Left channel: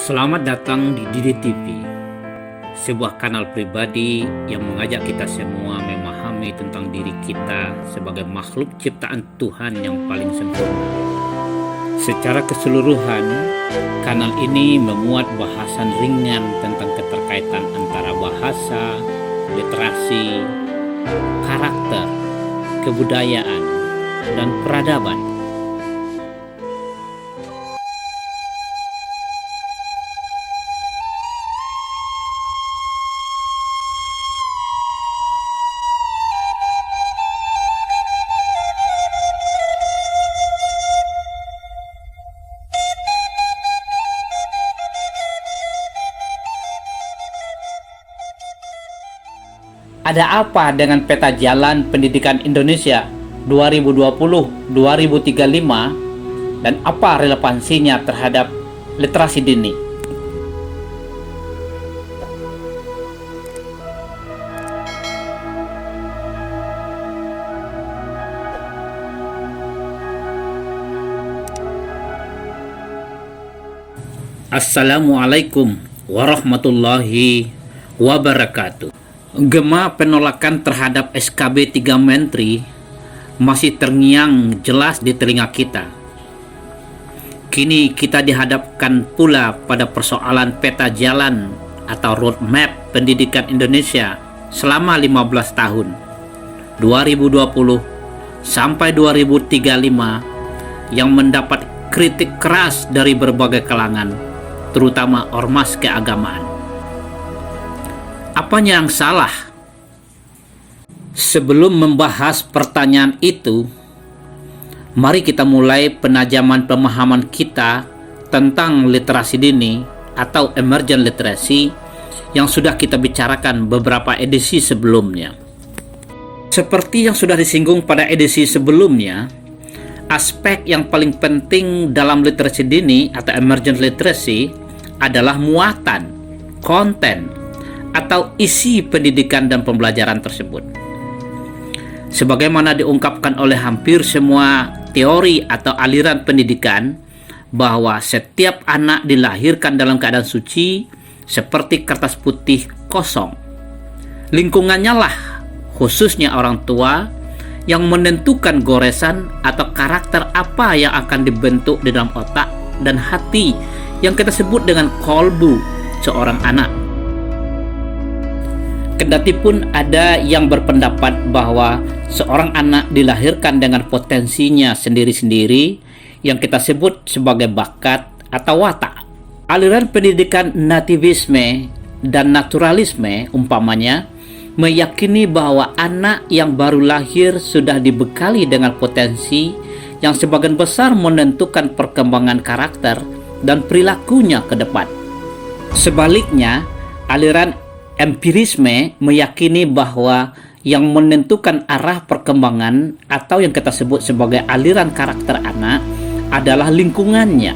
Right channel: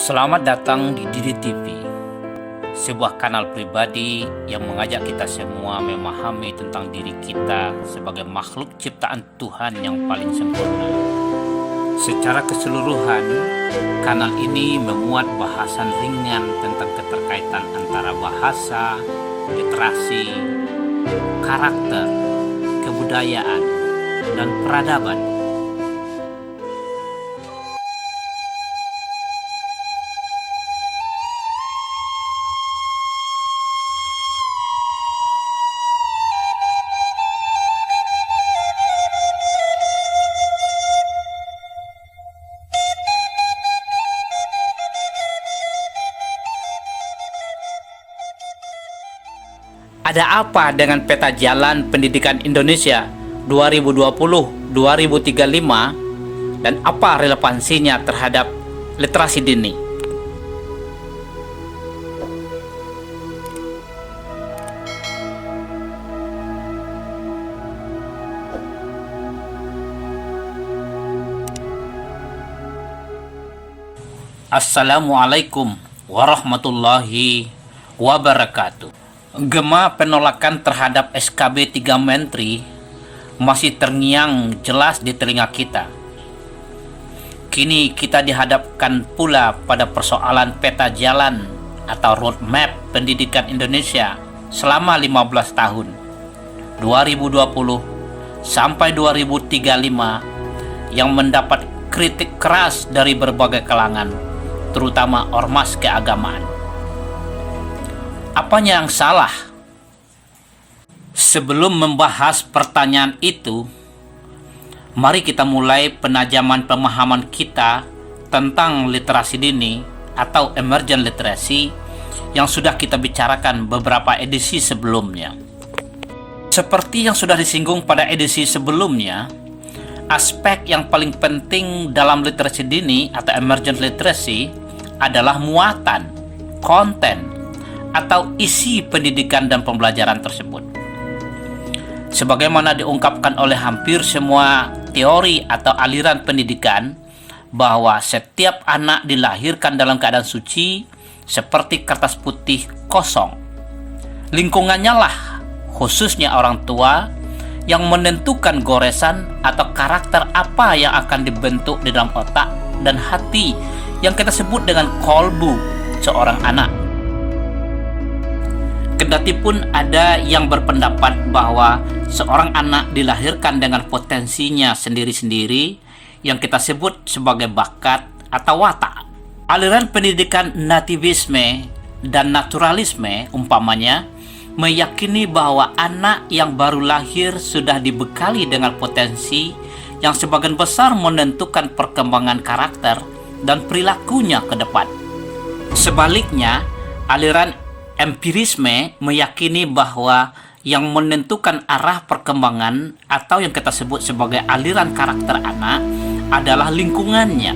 Selamat datang di Didi TV, sebuah kanal pribadi yang mengajak kita semua memahami tentang diri kita sebagai makhluk ciptaan Tuhan yang paling sempurna. Secara keseluruhan, kanal ini memuat bahasan ringan tentang keterkaitan antara bahasa, literasi, karakter, kebudayaan, dan peradaban. Ada apa dengan peta jalan pendidikan Indonesia 2020-2035 dan apa relevansinya terhadap literasi dini? Assalamualaikum warahmatullahi wabarakatuh. Gema penolakan terhadap SKB 3 Menteri masih terngiang jelas di telinga kita. Kini kita dihadapkan pula pada persoalan peta jalan atau roadmap pendidikan Indonesia selama 15 tahun 2020 sampai 2035 yang mendapat kritik keras dari berbagai kalangan, terutama ormas keagamaan. Apanya yang salah? Sebelum membahas pertanyaan itu, mari kita mulai penajaman pemahaman kita tentang literasi dini atau emergent literacy yang sudah kita bicarakan beberapa edisi sebelumnya. Seperti yang sudah disinggung pada edisi sebelumnya, aspek yang paling penting dalam literasi dini atau emergent literacy adalah muatan, konten, atau isi pendidikan dan pembelajaran tersebut. Sebagaimana diungkapkan oleh hampir semua teori atau aliran pendidikan, bahwa setiap anak dilahirkan dalam keadaan suci seperti kertas putih kosong. Lingkungannya lah, khususnya orang tua, yang menentukan goresan atau karakter apa yang akan dibentuk di dalam otak dan hati yang kita sebut dengan kolbu seorang anak. Kendati pun ada yang berpendapat bahwa seorang anak dilahirkan dengan potensinya sendiri-sendiri yang kita sebut sebagai bakat atau watak. Aliran pendidikan nativisme dan naturalisme umpamanya meyakini bahwa anak yang baru lahir sudah dibekali dengan potensi yang sebagian besar menentukan perkembangan karakter dan perilakunya ke depan. Sebaliknya, aliran empirisme meyakini bahwa yang menentukan arah perkembangan atau yang kita sebut sebagai aliran karakter anak adalah lingkungannya.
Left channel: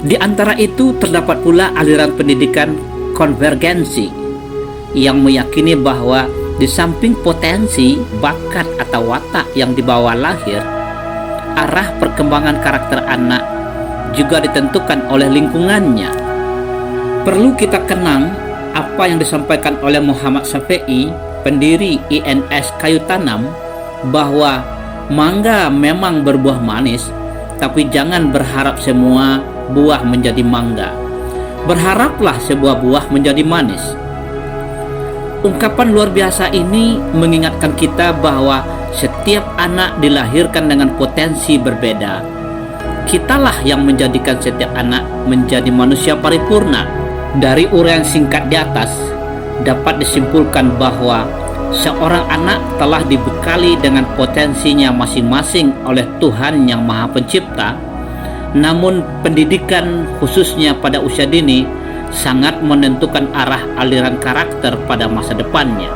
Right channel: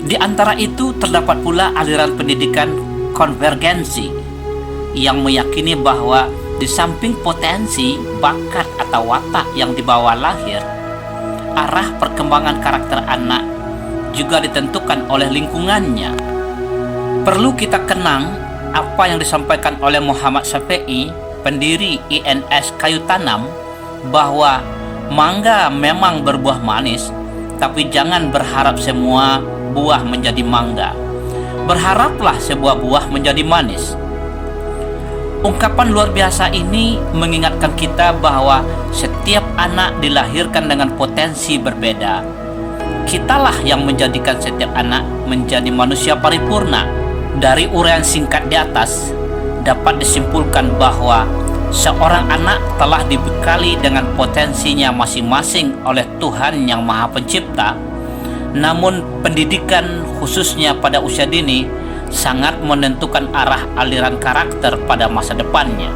Di antara itu terdapat pula aliran pendidikan konvergensi yang meyakini bahwa di samping potensi, bakat atau watak yang dibawa lahir, arah perkembangan karakter anak juga ditentukan oleh lingkungannya. Perlu kita kenang apa yang disampaikan oleh Muhammad Syafi'i, pendiri INS Kayu Tanam, bahwa mangga memang berbuah manis, tapi jangan berharap semua buah menjadi mangga. Berharaplah sebuah buah menjadi manis. Ungkapan luar biasa ini mengingatkan kita bahwa setiap anak dilahirkan dengan potensi berbeda. Kitalah yang menjadikan setiap anak menjadi manusia paripurna. Dari uraian singkat di atas, dapat disimpulkan bahwa seorang anak telah dibekali dengan potensinya masing-masing oleh Tuhan Yang Maha Pencipta. Namun pendidikan khususnya pada usia dini sangat menentukan arah aliran karakter pada masa depannya.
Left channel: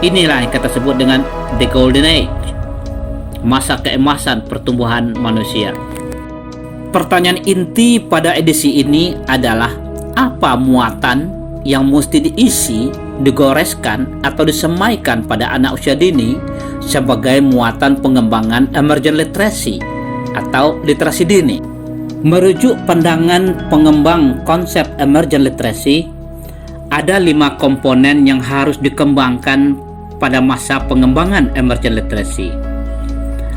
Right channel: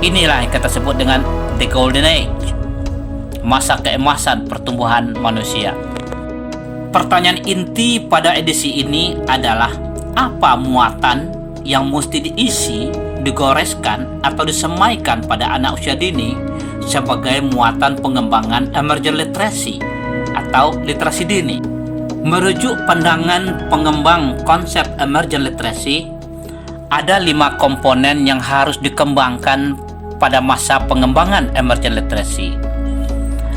Inilah yang kita sebut dengan the golden age, masa keemasan pertumbuhan manusia. Pertanyaan inti pada edisi ini adalah, apa muatan yang mesti diisi, digoreskan, atau disemaikan pada anak usia dini sebagai muatan pengembangan emergent literacy atau literasi dini? Merujuk pandangan pengembang konsep emergent literacy, ada 5 komponen yang harus dikembangkan pada masa pengembangan emergent literacy.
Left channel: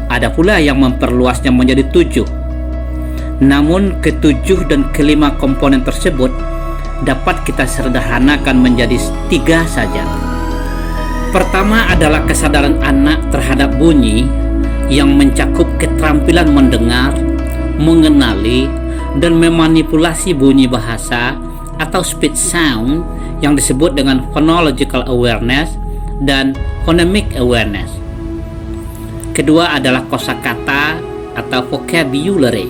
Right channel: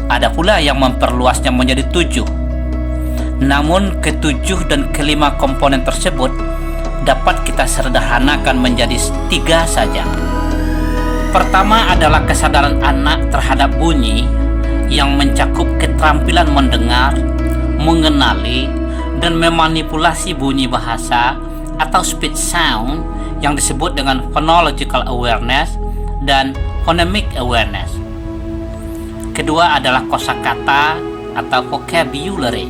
Ada pula yang memperluasnya menjadi 7. Namun ke-7 dan ke-5 komponen tersebut dapat kita sederhanakan menjadi 3 saja. Pertama adalah kesadaran anak terhadap bunyi yang mencakup keterampilan mendengar, mengenali, dan memanipulasi bunyi bahasa atau speech sound yang disebut dengan phonological awareness dan phonemic awareness. Kedua adalah kosakata atau vocabulary.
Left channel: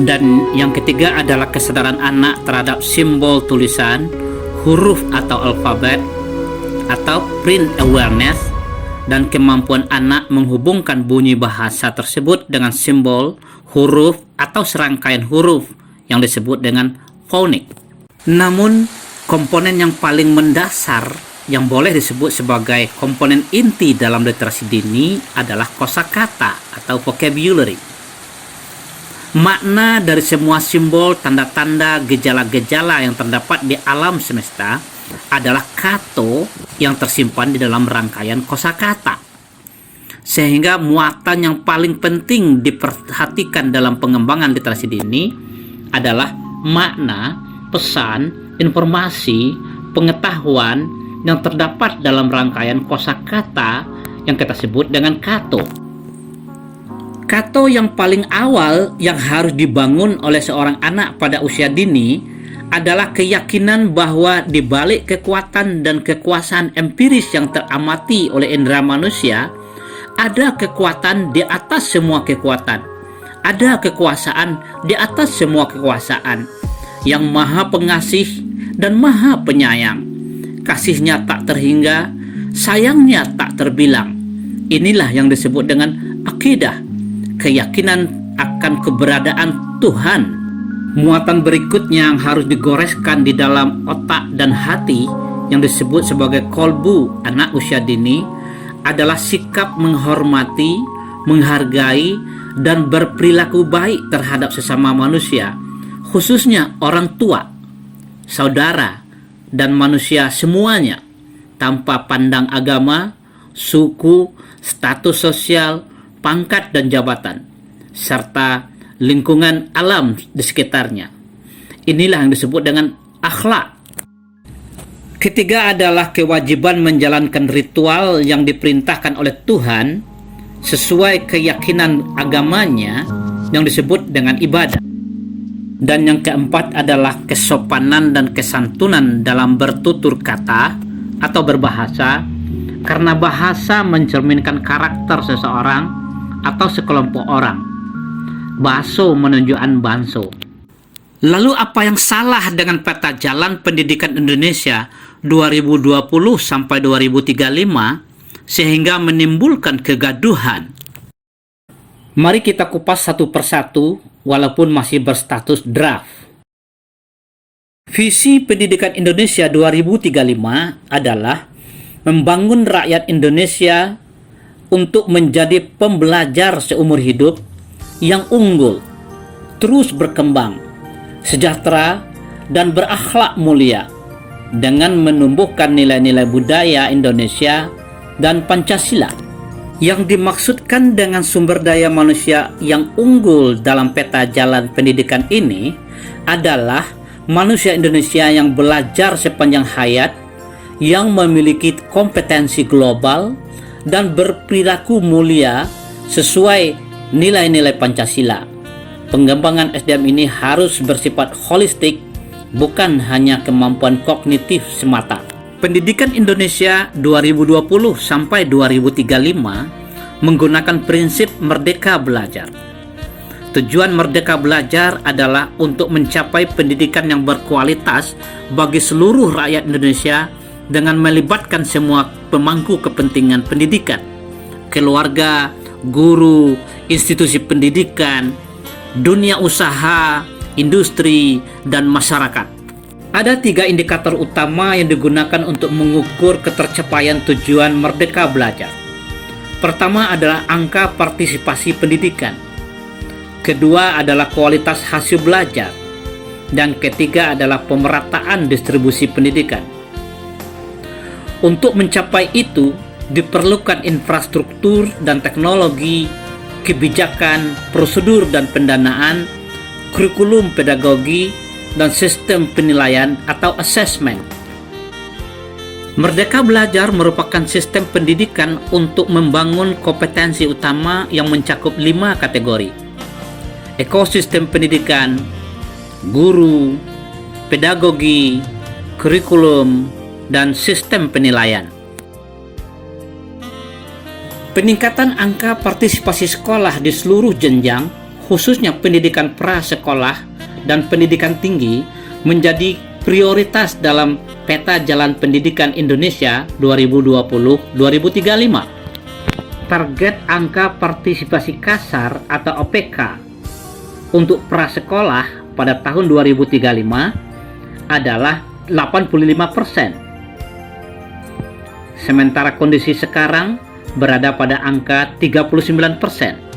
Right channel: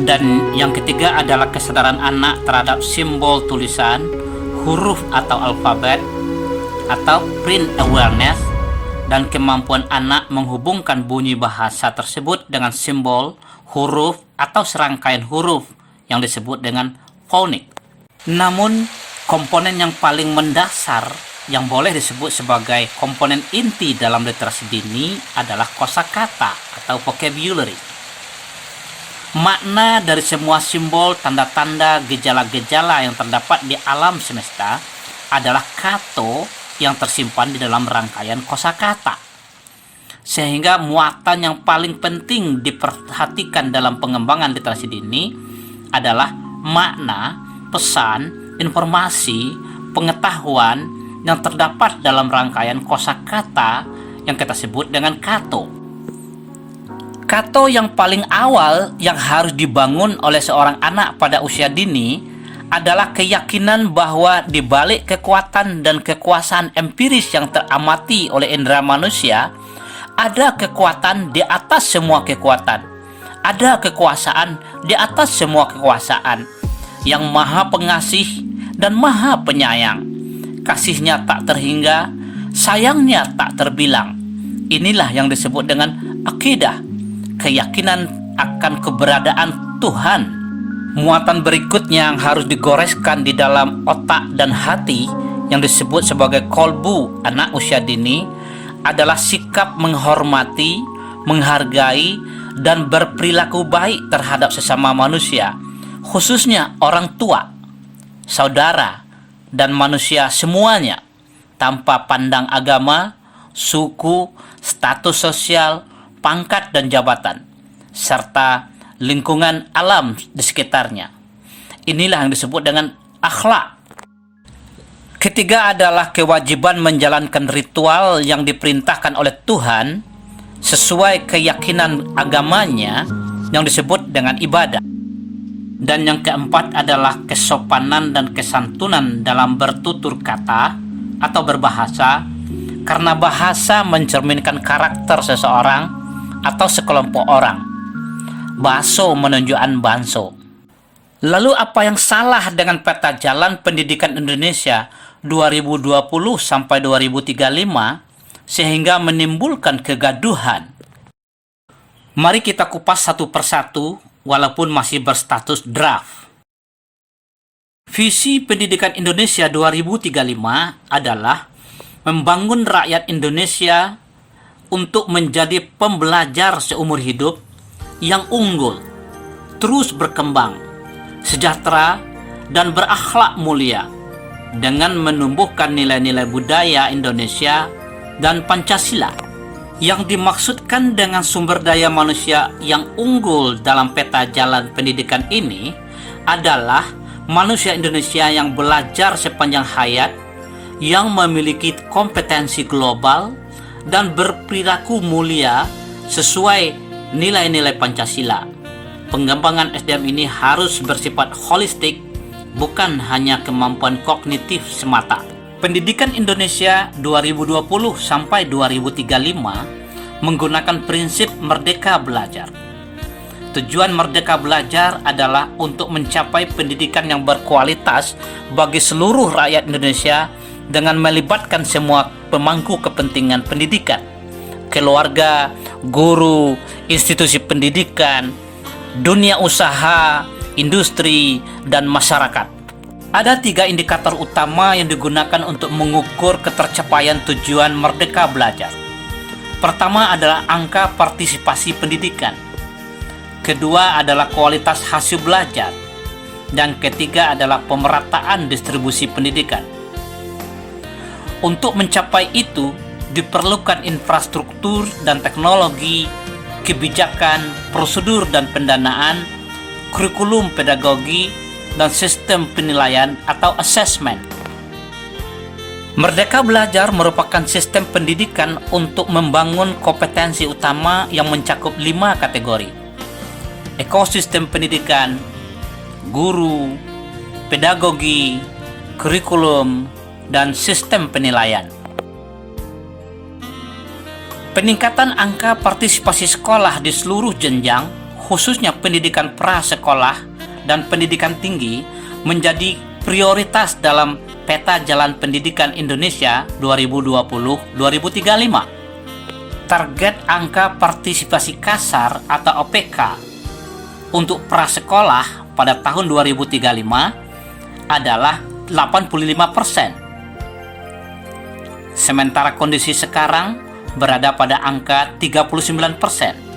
Dan yang ketiga adalah kesadaran anak terhadap simbol tulisan, huruf atau alfabet atau print awareness, dan kemampuan anak menghubungkan bunyi bahasa tersebut dengan simbol, huruf atau serangkaian huruf yang disebut dengan phonik. Namun, komponen yang paling mendasar yang boleh disebut sebagai komponen inti dalam literasi dini adalah kosakata atau vocabulary. Makna dari semua simbol, tanda-tanda, gejala-gejala yang terdapat di alam semesta adalah kato yang tersimpan di dalam rangkaian kosakata. Sehingga muatan yang paling penting diperhatikan dalam pengembangan literasi dini adalah makna, pesan, informasi, pengetahuan yang terdapat dalam rangkaian kosakata yang kita sebut dengan kato. Kato yang paling awal yang harus dibangun oleh seorang anak pada usia dini adalah keyakinan bahwa di balik kekuatan dan kekuasaan empiris yang teramati oleh indera manusia, ada kekuatan di atas semua kekuatan. Ada kekuasaan di atas semua kekuasaan yang maha pengasih dan maha penyayang. Kasihnya tak terhingga, sayangnya tak terbilang. Inilah yang disebut dengan akidah, keyakinan akan keberadaan Tuhan. Muatan berikutnya yang harus digoreskan di dalam otak dan hati yang disebut sebagai kolbu anak usia dini adalah sikap menghormati, menghargai, dan berperilaku baik terhadap sesama manusia, khususnya orang tua, saudara, dan manusia semuanya, tanpa pandang agama, suku, status sosial, pangkat dan jabatan, serta lingkungan alam di sekitarnya. Inilah yang disebut dengan akhlak. Ketiga adalah kewajiban menjalankan ritual yang diperintahkan oleh Tuhan sesuai keyakinan agamanya yang disebut dengan ibadah. Dan yang keempat adalah kesopanan dan kesantunan dalam bertutur kata atau berbahasa, karena bahasa mencerminkan karakter seseorang atau sekelompok orang. Baso menunjukkan banso. Lalu apa yang salah dengan peta jalan pendidikan Indonesia 2020 sampai 2035 sehingga menimbulkan kegaduhan? Mari kita kupas satu persatu walaupun masih berstatus draft. Visi pendidikan Indonesia 2035 adalah membangun rakyat Indonesia untuk menjadi pembelajar seumur hidup yang unggul, terus berkembang, sejahtera, dan berakhlak mulia dengan menumbuhkan nilai-nilai budaya Indonesia dan Pancasila. Yang dimaksudkan dengan sumber daya manusia yang unggul dalam peta jalan pendidikan ini adalah manusia Indonesia yang belajar sepanjang hayat, yang memiliki kompetensi global dan berperilaku mulia sesuai nilai-nilai Pancasila. Pengembangan SDM ini harus bersifat holistik, bukan hanya kemampuan kognitif semata. Pendidikan Indonesia 2020 sampai 2035 menggunakan prinsip merdeka belajar. Tujuan merdeka belajar adalah untuk mencapai pendidikan yang berkualitas bagi seluruh rakyat Indonesia dengan melibatkan semua pemangku kepentingan pendidikan, keluarga, guru, institusi pendidikan, dunia usaha, industri, dan masyarakat. Ada 3 indikator utama yang digunakan untuk mengukur ketercapaian tujuan merdeka belajar. Pertama adalah angka partisipasi pendidikan. Kedua adalah kualitas hasil belajar. Dan ketiga adalah pemerataan distribusi pendidikan. Untuk mencapai itu, diperlukan infrastruktur dan teknologi, kebijakan, prosedur dan pendanaan, kurikulum pedagogi, dan sistem penilaian atau assessment. Merdeka Belajar merupakan sistem pendidikan untuk membangun kompetensi utama yang mencakup 5 kategori. Ekosistem pendidikan, guru, pedagogi, kurikulum, dan sistem penilaian. Peningkatan angka partisipasi sekolah di seluruh jenjang, khususnya pendidikan prasekolah dan pendidikan tinggi, menjadi prioritas dalam Peta Jalan Pendidikan Indonesia 2020-2035. Target angka partisipasi kasar atau OPK untuk prasekolah pada tahun 2035 adalah 85%. Sementara kondisi sekarang berada pada angka 39%.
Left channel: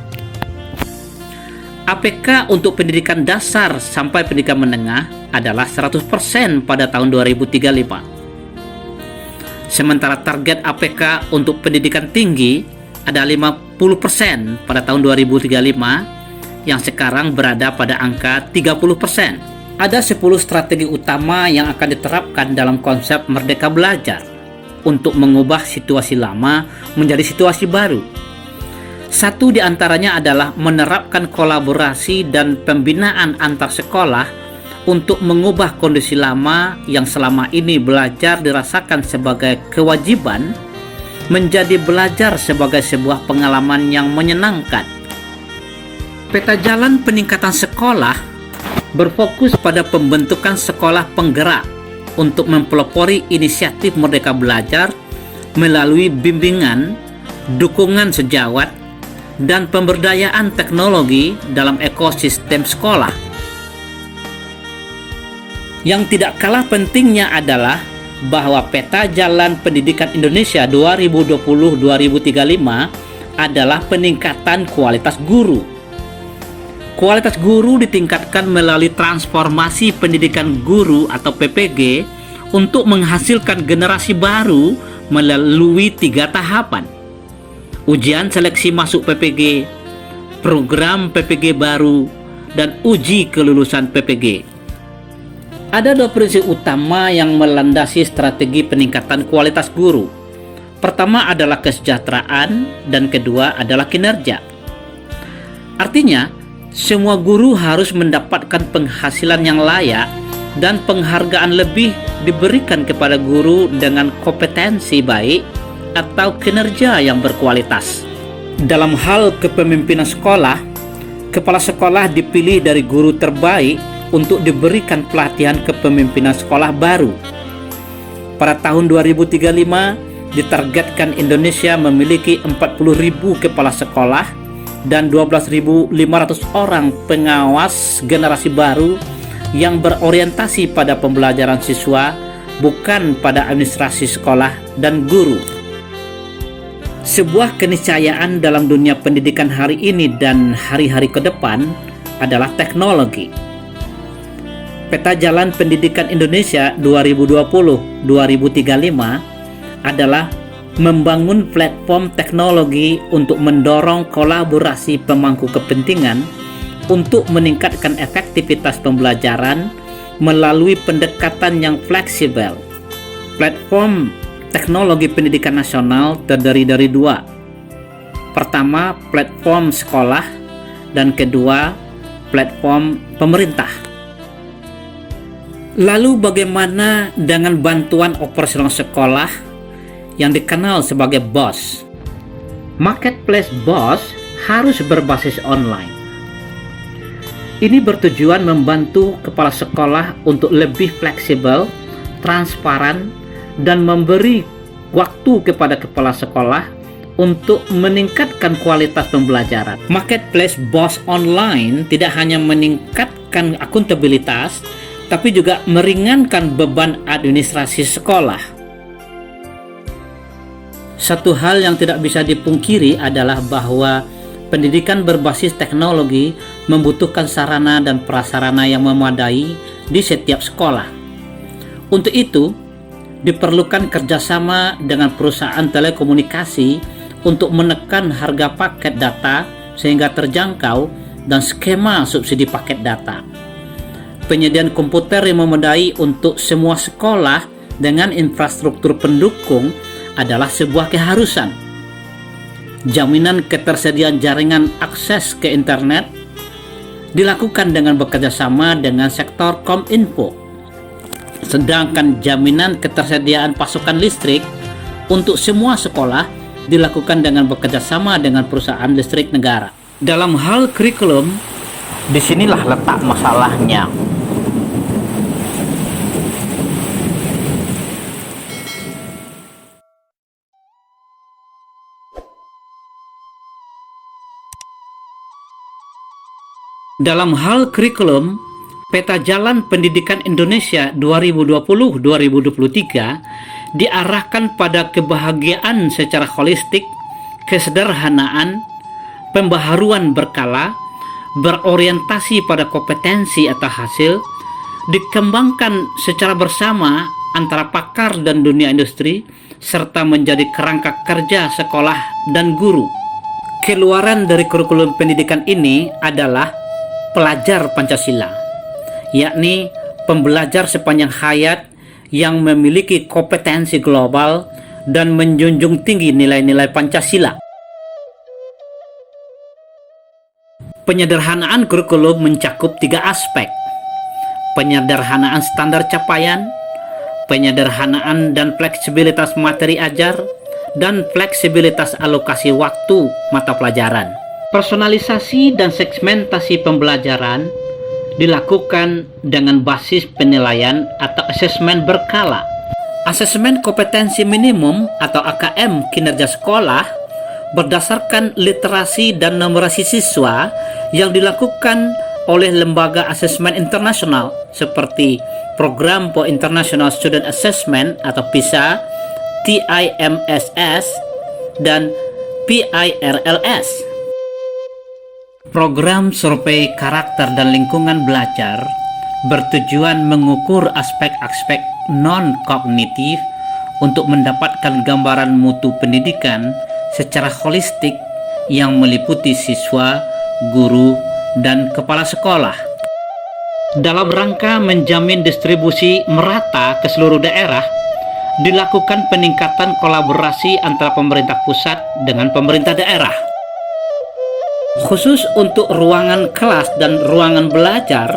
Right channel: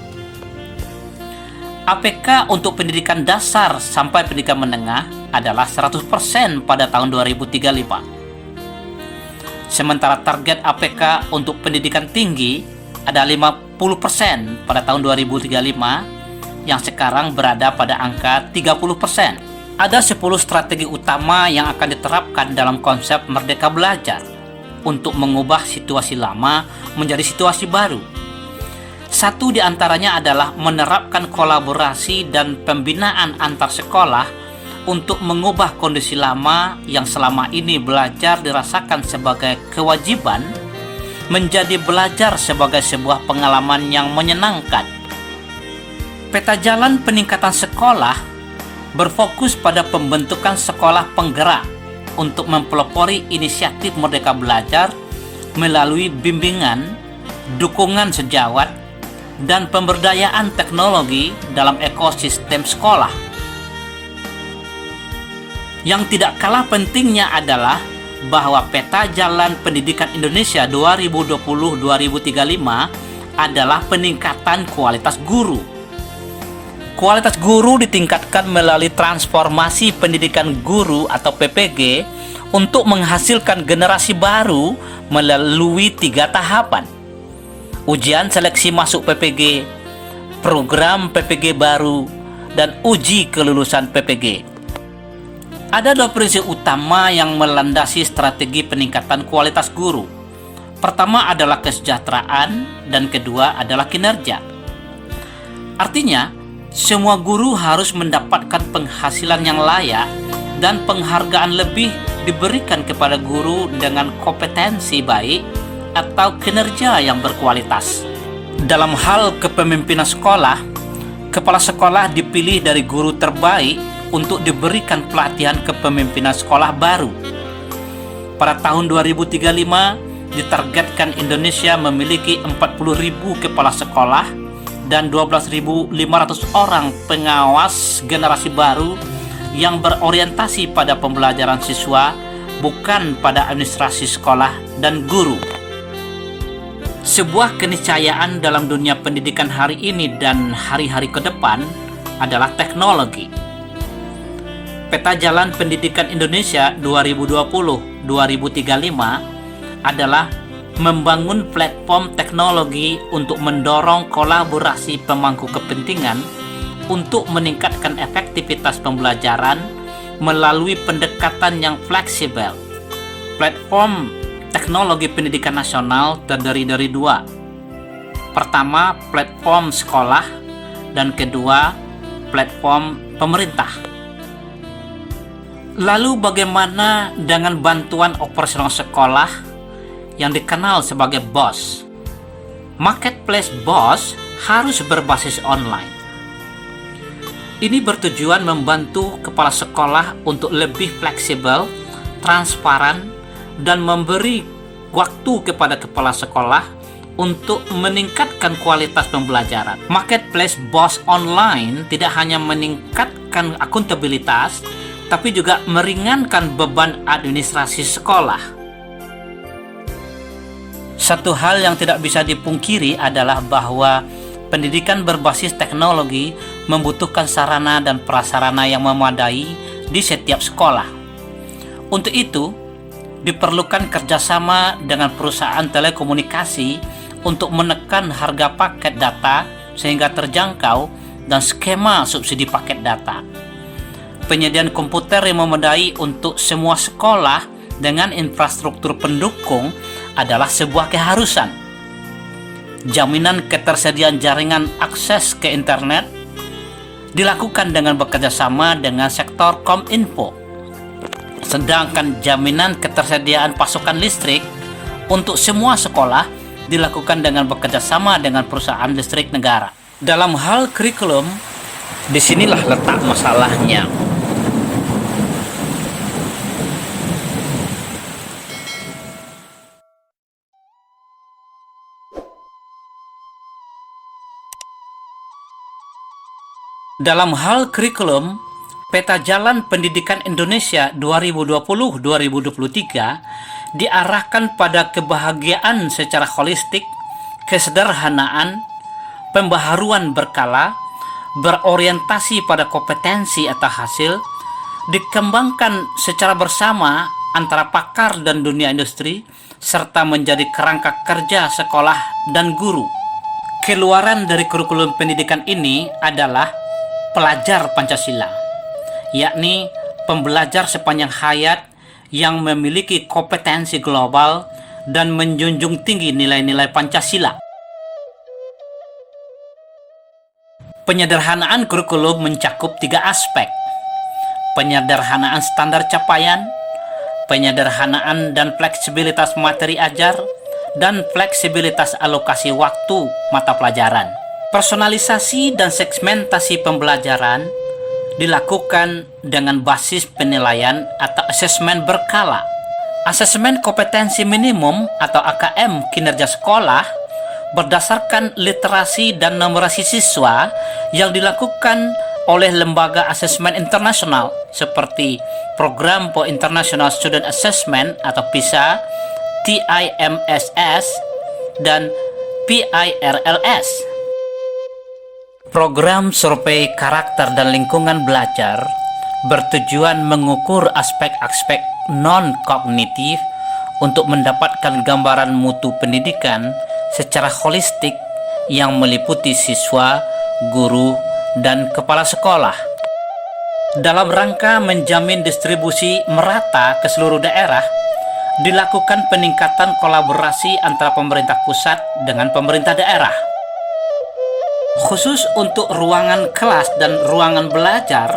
APK untuk pendidikan dasar sampai pendidikan menengah adalah 100% pada tahun 2035. Sementara target APK untuk pendidikan tinggi ada 50% pada tahun 2035, yang sekarang berada pada angka 30%. Ada 10 strategi utama yang akan diterapkan dalam konsep Merdeka Belajar untuk mengubah situasi lama menjadi situasi baru. Satu di antaranya adalah menerapkan kolaborasi dan pembinaan antar sekolah untuk mengubah kondisi lama yang selama ini belajar dirasakan sebagai kewajiban menjadi belajar sebagai sebuah pengalaman yang menyenangkan. Peta jalan peningkatan sekolah berfokus pada pembentukan sekolah penggerak untuk mempelopori inisiatif Merdeka Belajar melalui bimbingan, dukungan sejawat, dan pemberdayaan teknologi dalam ekosistem sekolah. Yang tidak kalah pentingnya adalah bahwa Peta Jalan Pendidikan Indonesia 2020-2035 adalah peningkatan kualitas guru. Kualitas guru ditingkatkan melalui transformasi pendidikan guru atau PPG untuk menghasilkan generasi baru melalui 3 tahapan. Ujian seleksi masuk PPG, program PPG baru, dan uji kelulusan PPG. Ada 2 prinsip utama yang melandasi strategi peningkatan kualitas guru. Pertama adalah kesejahteraan dan kedua adalah kinerja. Artinya, semua guru harus mendapatkan penghasilan yang layak dan penghargaan lebih diberikan kepada guru dengan kompetensi baik atau kinerja yang berkualitas. Dalam hal kepemimpinan sekolah, kepala sekolah dipilih dari guru terbaik untuk diberikan pelatihan kepemimpinan sekolah baru. Pada tahun 2035, ditargetkan Indonesia memiliki 40.000 kepala sekolah dan 12.500 orang pengawas generasi baru yang berorientasi pada pembelajaran siswa, bukan pada administrasi sekolah dan guru. Sebuah keniscayaan dalam dunia pendidikan hari ini dan hari-hari ke depan adalah teknologi. Peta Jalan Pendidikan Indonesia 2020-2035 adalah membangun platform teknologi untuk mendorong kolaborasi pemangku kepentingan untuk meningkatkan efektivitas pembelajaran melalui pendekatan yang fleksibel. Platform teknologi pendidikan nasional terdiri dari 2. Pertama, platform sekolah, dan kedua, platform pemerintah. Lalu bagaimana dengan bantuan operasional sekolah yang dikenal sebagai BOS? Marketplace BOS harus berbasis online. Ini bertujuan membantu kepala sekolah untuk lebih fleksibel, transparan, dan memberi waktu kepada kepala sekolah untuk meningkatkan kualitas pembelajaran. Marketplace BOS online tidak hanya meningkatkan akuntabilitas, tapi juga meringankan beban administrasi sekolah. Satu hal yang tidak bisa dipungkiri adalah bahwa pendidikan berbasis teknologi membutuhkan sarana dan prasarana yang memadai di setiap sekolah. Untuk itu, diperlukan kerjasama dengan perusahaan telekomunikasi untuk menekan harga paket data sehingga terjangkau dan skema subsidi paket data. Penyediaan komputer yang memadai untuk semua sekolah dengan infrastruktur pendukung adalah sebuah keharusan. Jaminan ketersediaan jaringan akses ke internet dilakukan dengan bekerjasama dengan sektor Kominfo. Sedangkan jaminan ketersediaan pasokan listrik untuk semua sekolah dilakukan dengan bekerjasama dengan perusahaan listrik negara. Dalam hal kurikulum, disinilah letak masalahnya. Dalam hal kurikulum, Peta Jalan Pendidikan Indonesia 2020-2023 diarahkan pada kebahagiaan secara holistik, kesederhanaan, pembaharuan berkala, berorientasi pada kompetensi atau hasil, dikembangkan secara bersama antara pakar dan dunia industri, serta menjadi kerangka kerja sekolah dan guru. Keluaran dari kurikulum pendidikan ini adalah pelajar Pancasila, yakni pembelajar sepanjang hayat yang memiliki kompetensi global dan menjunjung tinggi nilai-nilai Pancasila. Penyederhanaan kurikulum mencakup 3 aspek: penyederhanaan standar capaian, penyederhanaan dan fleksibilitas materi ajar, dan fleksibilitas alokasi waktu mata pelajaran. Personalisasi dan segmentasi pembelajaran dilakukan dengan basis penilaian atau asesmen berkala. Asesmen kompetensi minimum atau AKM kinerja sekolah berdasarkan literasi dan numerasi siswa yang dilakukan oleh lembaga asesmen internasional seperti Program for International Student Assessment atau PISA, TIMSS, dan PIRLS. Program survei karakter dan lingkungan belajar bertujuan mengukur aspek-aspek non-kognitif untuk mendapatkan gambaran mutu pendidikan secara holistik yang meliputi siswa, guru, dan kepala sekolah. Dalam rangka menjamin distribusi merata ke seluruh daerah, dilakukan peningkatan kolaborasi antara pemerintah pusat dengan pemerintah daerah. Khusus untuk ruangan kelas dan ruangan belajar,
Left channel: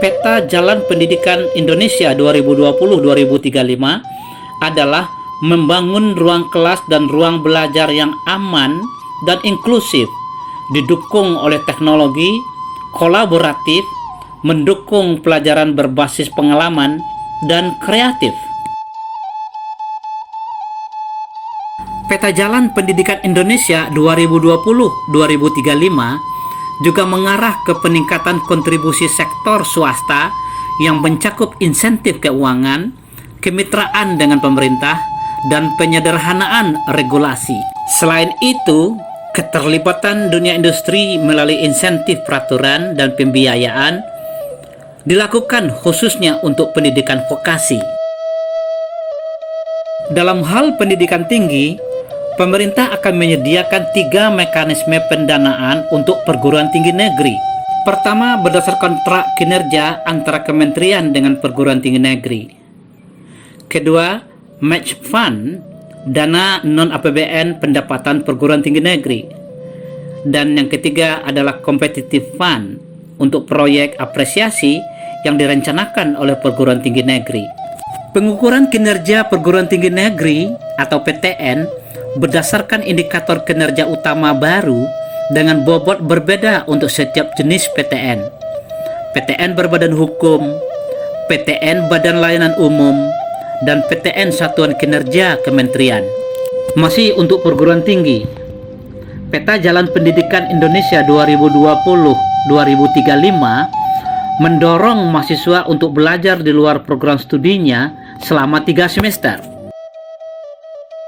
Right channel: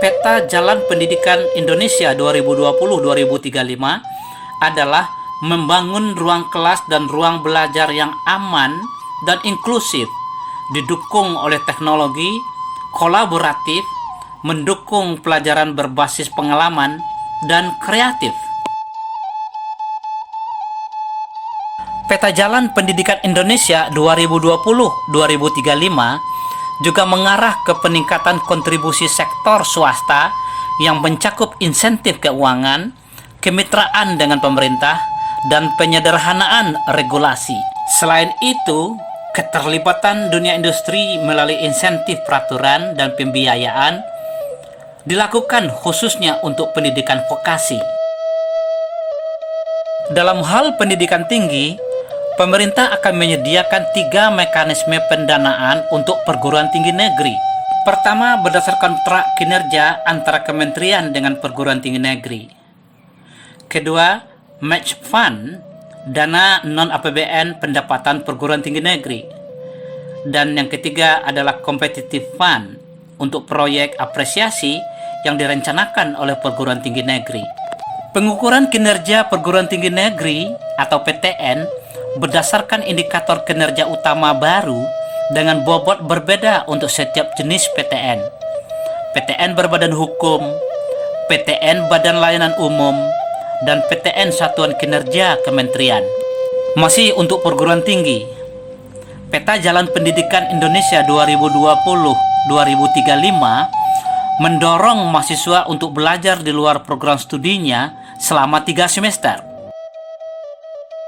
Peta Jalan Pendidikan Indonesia 2020-2035 adalah membangun ruang kelas dan ruang belajar yang aman dan inklusif, didukung oleh teknologi, kolaboratif, mendukung pelajaran berbasis pengalaman, dan kreatif. Peta Jalan Pendidikan Indonesia 2020-2035 juga mengarah ke peningkatan kontribusi sektor swasta yang mencakup insentif keuangan, kemitraan dengan pemerintah, dan penyederhanaan regulasi. Selain itu, keterlibatan dunia industri melalui insentif peraturan dan pembiayaan dilakukan khususnya untuk pendidikan vokasi. Dalam hal pendidikan tinggi, pemerintah akan menyediakan 3 mekanisme pendanaan untuk perguruan tinggi negeri. Pertama, berdasarkan kontrak kinerja antara kementerian dengan perguruan tinggi negeri. Kedua, match fund, dana non-APBN pendapatan perguruan tinggi negeri. Dan yang ketiga adalah competitive fund untuk proyek apresiasi yang direncanakan oleh perguruan tinggi negeri. Pengukuran kinerja perguruan tinggi negeri atau PTN berdasarkan indikator kinerja utama baru dengan bobot berbeda untuk setiap jenis PTN. PTN berbadan hukum, PTN Badan Layanan Umum, dan PTN Satuan Kinerja Kementerian. Masih untuk perguruan tinggi, Peta Jalan Pendidikan Indonesia 2020-2035 mendorong mahasiswa untuk belajar di luar program studinya selama 3 semester.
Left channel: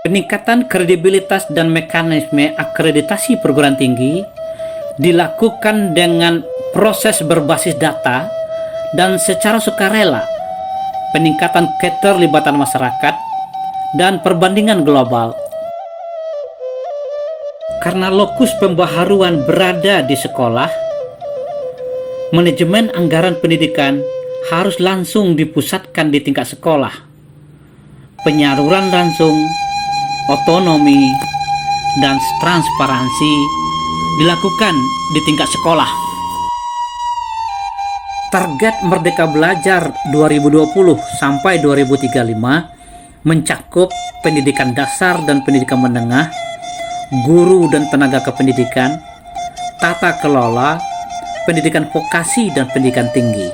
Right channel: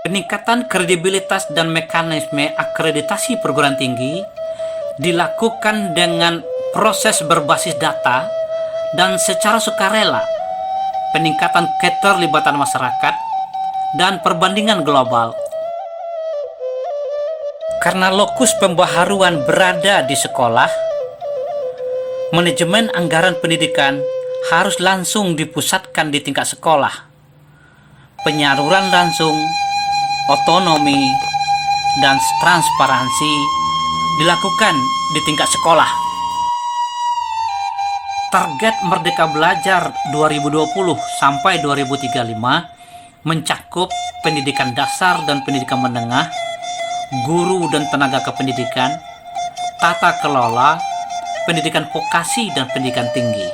Peningkatan kredibilitas dan mekanisme akreditasi perguruan tinggi dilakukan dengan proses berbasis data, dan secara sukarela, peningkatan keterlibatan masyarakat, dan perbandingan global. Karena lokus pembaharuan berada di sekolah, manajemen anggaran pendidikan harus langsung dipusatkan di tingkat sekolah. Penyaluran langsung, otonomi, dan transparansi dilakukan di tingkat sekolah. Target Merdeka Belajar 2020 sampai 2035 mencakup pendidikan dasar dan pendidikan menengah, guru dan tenaga kependidikan, tata kelola, pendidikan vokasi dan pendidikan tinggi.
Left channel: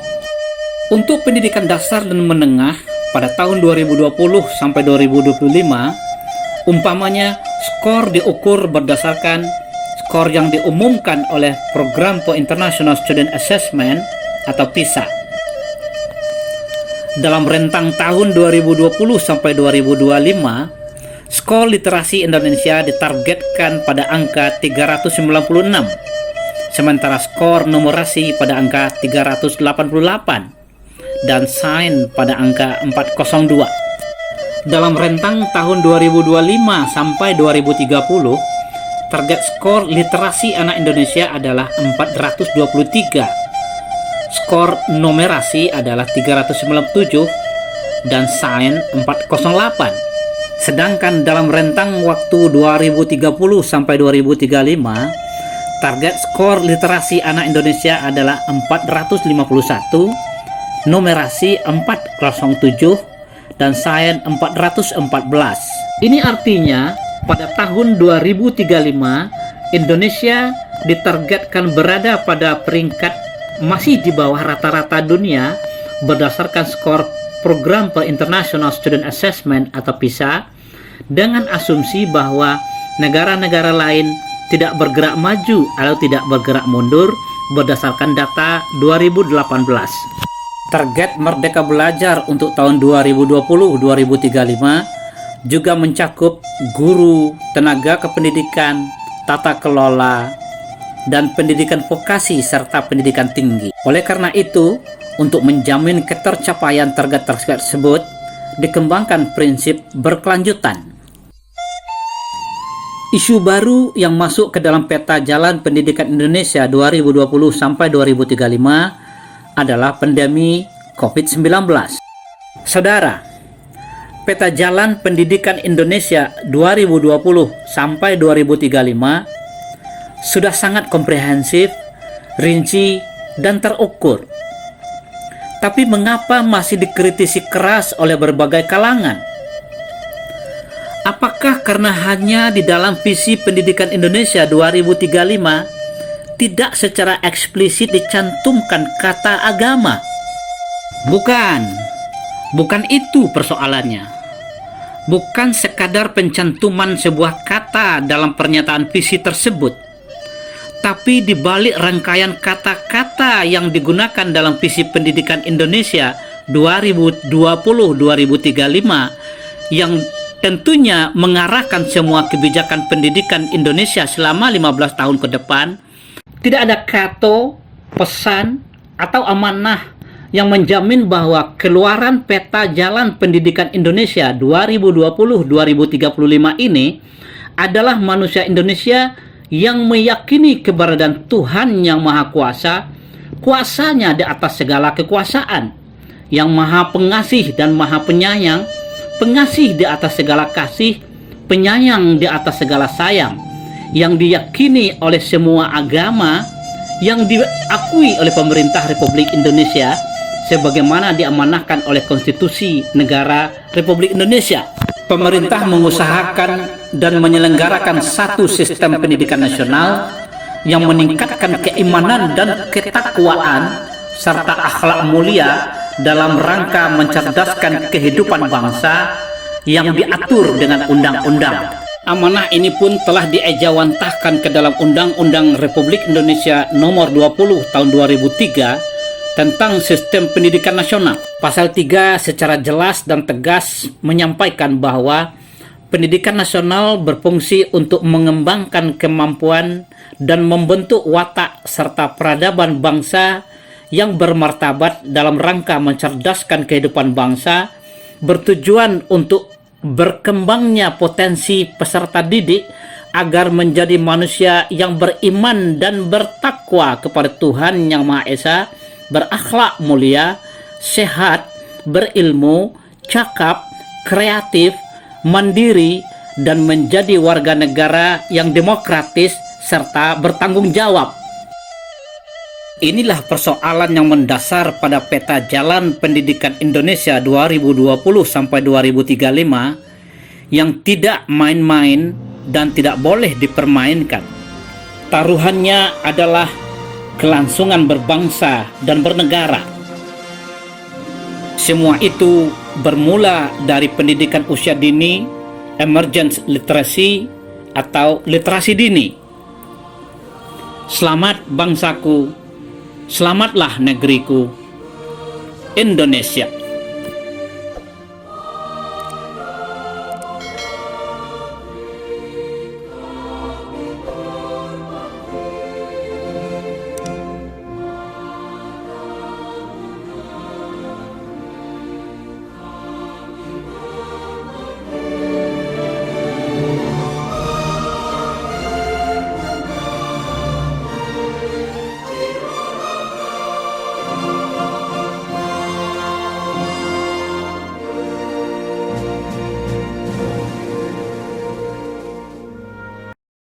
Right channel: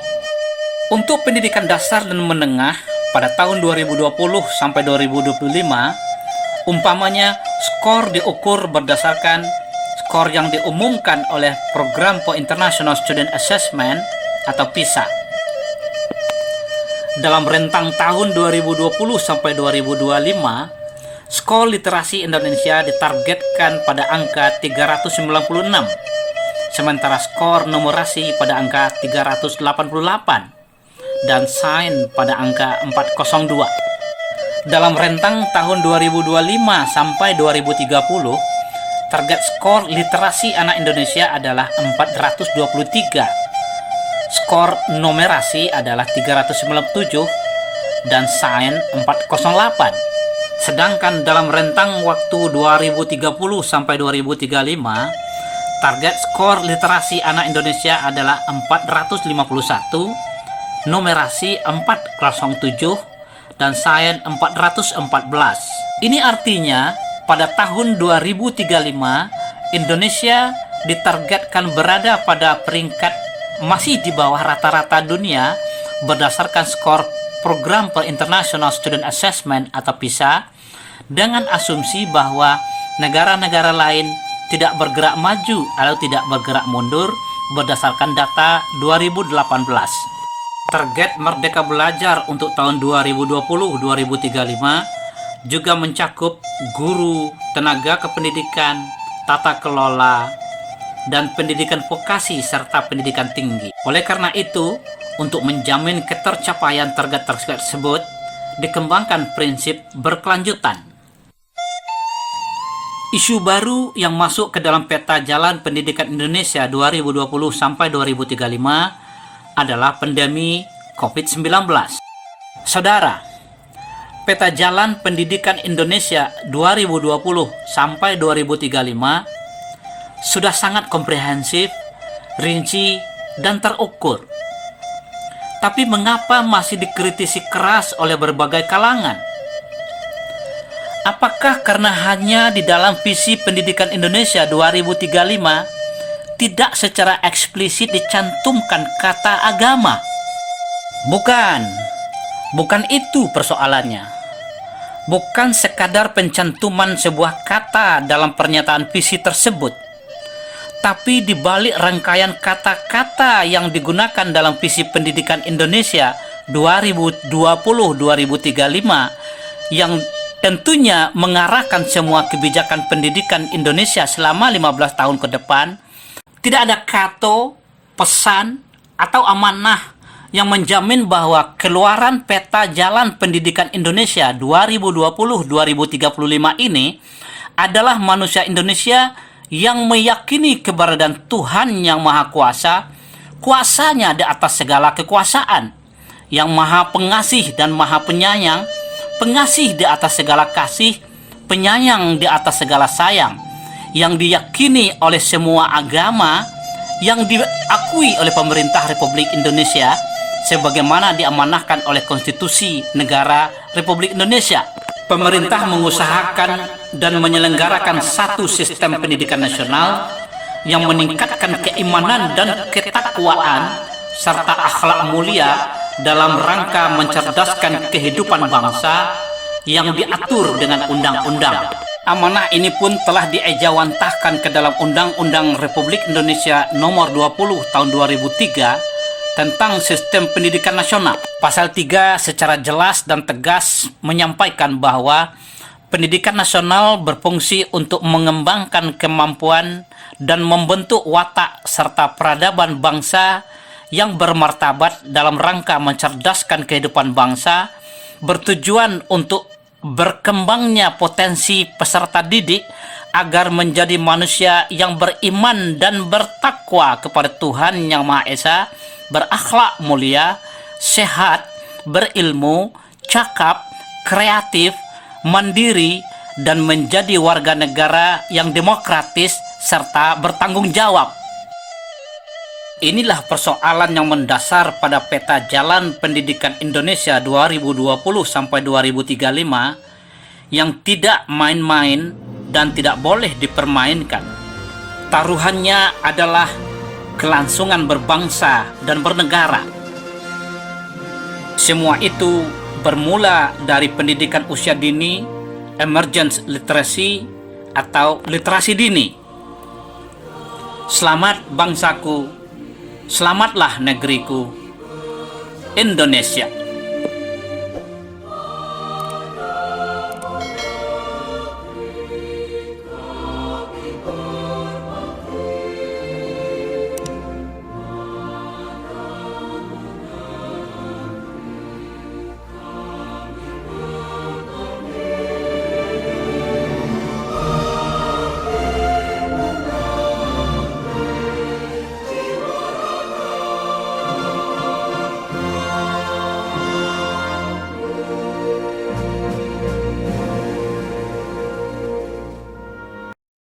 Untuk pendidikan dasar dan menengah pada tahun 2020 sampai 2025, umpamanya skor diukur berdasarkan skor yang diumumkan oleh Program for International Student Assessment atau PISA. Dalam rentang tahun 2020 sampai 2025, skor literasi Indonesia ditargetkan pada angka 396, sementara skor numerasi pada angka 388 dan sains pada angka 402. Dalam rentang tahun 2025 sampai 2030, target skor literasi anak Indonesia adalah 423. Skor numerasi adalah 397 dan sains 408. Sedangkan dalam rentang waktu 2030 sampai 2035, target skor literasi anak Indonesia adalah 451, numerasi 407, dan sains 414. Ini artinya pada tahun 2035 Indonesia ditargetkan berada pada peringkat masih di bawah rata-rata dunia berdasarkan skor Program for International Student Assessment atau PISA, dengan asumsi bahwa negara-negara lain tidak bergerak maju atau tidak bergerak mundur berdasarkan data 2018. Target Merdeka Belajar untuk tahun 2020-2035 juga mencakup guru, tenaga kependidikan, tata kelola, dan pendidikan vokasi serta pendidikan tinggi. Oleh karena itu, untuk menjamin ketercapaian target tersebut, dikembangkan prinsip berkelanjutan. Isu baru yang masuk ke dalam peta jalan pendidikan Indonesia 2020 sampai 2035 adalah pandemi COVID-19. Saudara, peta jalan pendidikan Indonesia 2020 sampai 2035 sudah sangat komprehensif, rinci, dan terukur. Tapi mengapa masih dikritisi keras oleh berbagai kalangan? Apakah karena hanya di dalam visi pendidikan Indonesia 2035 tidak secara eksplisit dicantumkan kata agama? Bukan itu persoalannya. Bukan sekadar pencantuman sebuah kata dalam pernyataan visi tersebut, tapi di balik rangkaian kata-kata yang digunakan dalam visi pendidikan Indonesia 2020-2035 yang tentunya mengarahkan semua kebijakan pendidikan Indonesia selama 15 tahun ke depan, tidak ada kata, pesan, atau amanah yang menjamin bahwa keluaran peta jalan pendidikan Indonesia 2020-2035 ini adalah manusia Indonesia yang meyakini keberadaan Tuhan yang Maha Kuasa, kuasanya di atas segala kekuasaan, yang Maha Pengasih dan Maha Penyayang, pengasih di atas segala kasih, penyayang di atas segala sayang, yang diyakini oleh semua agama, yang diakui oleh pemerintah Republik Indonesia sebagaimana diamanahkan oleh Konstitusi Negara Republik Indonesia. Pemerintah mengusahakan dan menyelenggarakan satu sistem pendidikan nasional yang meningkatkan keimanan dan ketakwaan serta akhlak mulia dalam rangka mencerdaskan kehidupan bangsa yang diatur dengan undang-undang. Amanah ini pun telah diejawantahkan ke dalam Undang-Undang Republik Indonesia Nomor 20 Tahun 2003 tentang Sistem Pendidikan Nasional. Pasal 3 secara jelas dan tegas menyampaikan bahwa Pendidikan nasional berfungsi untuk mengembangkan kemampuan dan membentuk watak serta peradaban bangsa yang bermartabat dalam rangka mencerdaskan kehidupan bangsa, bertujuan untuk berkembangnya potensi peserta didik agar menjadi manusia yang beriman dan bertakwa kepada Tuhan Yang Maha Esa, berakhlak mulia, sehat, berilmu, cakap, kreatif, mandiri, dan menjadi warga negara yang demokratis serta bertanggung jawab. Inilah persoalan yang mendasar pada peta jalan pendidikan Indonesia 2020 sampai 2035 yang tidak main-main dan tidak boleh dipermainkan. Taruhannya adalah kelangsungan berbangsa dan bernegara. Semua itu bermula dari pendidikan usia dini, emergence literacy atau literasi dini. Selamat bangsaku, selamatlah negeriku, Indonesia.